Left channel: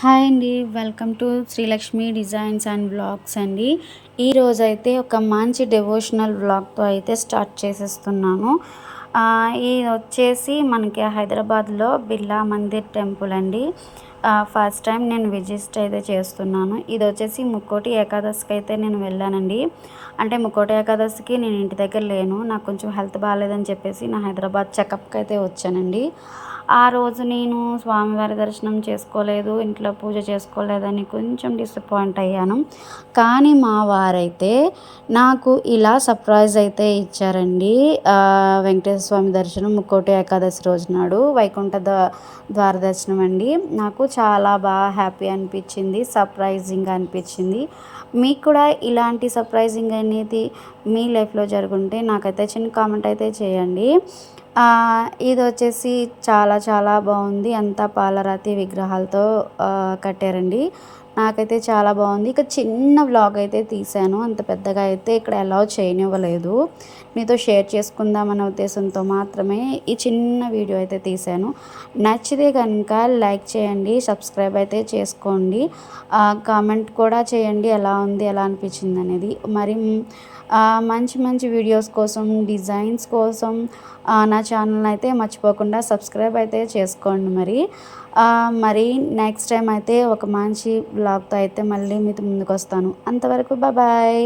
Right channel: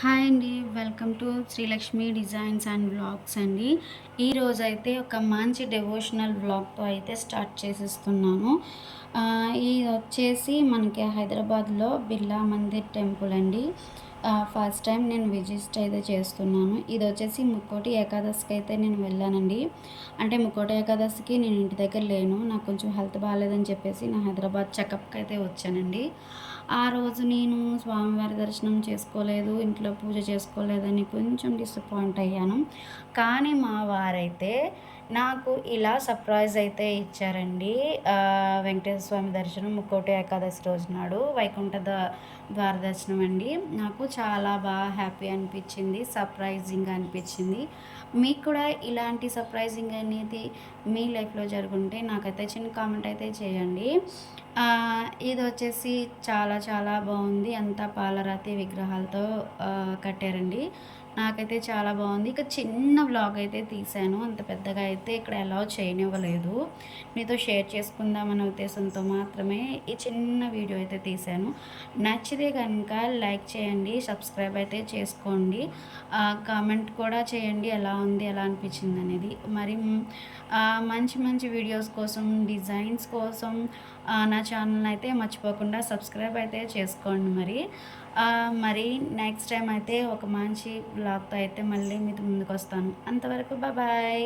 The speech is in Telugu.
హాయ్ అండి. Welcome to Srilakshmi designs and vlogs అండి. ఈరోజైతే ఒక మంచి డెవోషనల్ వ్లాగ్తో అయితే స్టార్ట్ చేసేస్తున్నాను. ఇది వచ్చేసి మనకి హైదరాబాద్లో బిర్లా మందిర్ టెంపుల్ అండి. ఫస్ట్ టైం నేను విజిట్ అయితే చేస్తున్నాను. ఇది వచ్చేసి ముక్కోటి ఏకాదశికి అయితే నేను వెళ్ళానండి. అంటే ముక్కోటి ఏకాదశికి నేను ఇంటి దగ్గర లేను. నాకు కొంచెం హెల్త్ బాగాలేదని చెప్పేసి నా హైదరాబాద్ చెకప్కి అయితే వచ్చానండి. ఆ రోజు నేను స్వామివారి దర్శనం చేసుకోలేదు, ఇంట్లో పూజ చేసుకోలేదని కొంచెం డిసప్పాయింట్ అయ్యాను. కానీ మా వారైతే నాకు ఇలా సర్ప్రైజ్ అయితే ఇచ్చారండి. వెంకటేశ్వర స్వామి దర్శనం ముక్కోటి ఏకాదశి రోజు నాడు వైకుంఠ ద్వార దర్శనం అండి. నాకు చాలా బాగా హ్యాపీ అనిపించింది, సర్ప్రైజింగ్గా అనిపించింది. మీకు కూడా ఇలాంటి సర్ప్రైజింగ్ అనేది మీ లైఫ్లో జరుగుంటే నాకైతే చిన్న కామెంట్ అయితే చేయండి. ఇది వచ్చేసి చాలా చాలా బాగుంది. అంతా పాలరాతి విగ్రహాలతో కట్టారండి. నాకైతే చాలా బాగుంది. ఇక చిన్న వ్లాగ్ అయితే తీశాను. అంత పెద్దగా అయితే ఇక్కడ అలౌ చేయనివ్వలేదు. మీతో షేర్ చేసుకుందామనే ఉద్దేశంతో మాత్రమే ఈ చిన్న వీడియో అయితే తీశాను. నచ్చితే కనుక లైక్ చేయండి, సబ్స్క్రైబ్ అయితే చేసుకోండి, కామెంట్ కూడా చేయండి ఎలా ఉంది, ఎలా అనిపించింది అనేది. మరి మంచి మంచి వీడియోస్ కోసం, డిజైన్స్ కోసం నా ఛానల్ అయితే మర్చిపోకుండా సబ్స్క్రైబ్ అయితే చేసుకోండి. మరి నెక్స్ట్ టైం అయితే ఒక మంచి వ్లాగ్తో అయితే మళ్ళీ మీతో ముందుకు వస్తాను. అంతవరకు బాయ్.